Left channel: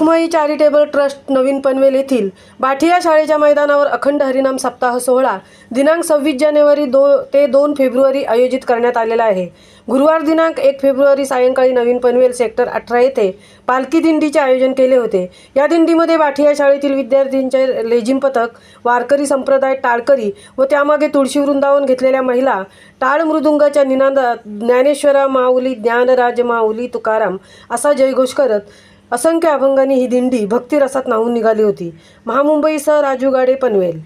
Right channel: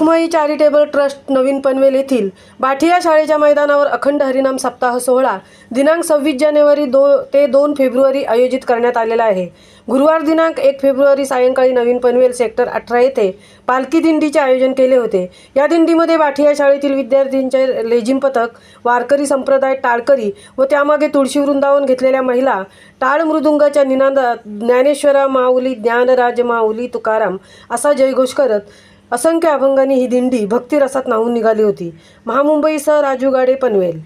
Rakhumai charitable trust नवीन पनवेल येथील बाठिया शाळेच्या मैदानावर अखंड हरिनाम सप्ताह सोहळा दिनांक 26 जानेवारी ते 2 फेब्रुवारी आयोजित करण्यात आलेला आहे। गुरुवार दिनांक 1 फेब्रुवारी सायंकाळी नवीन पनवेल सेक्टर 18 येथे पालखी दिंडीचे आयोजन केले होते। या दिंडीमध्ये बाठिया शाळेतील विद्यार्थ्यांचे लेझिम पथक, वारकरी संप्रदाय, टाळकरी व त्यामागे तुळशी वृंदावन घेतलेल्या महिला टाळ मृदुंगाच्या निनादात ज्ञानेश्वरा माऊली, ज्ञानराज माऊली तुकाराम असा जयघोष करत असंख्य अभंगांनी ही दिंडी भक्तिरसात न्हाऊन निघाली होती। महामुंबईसह राजू गाडे, पनवेल।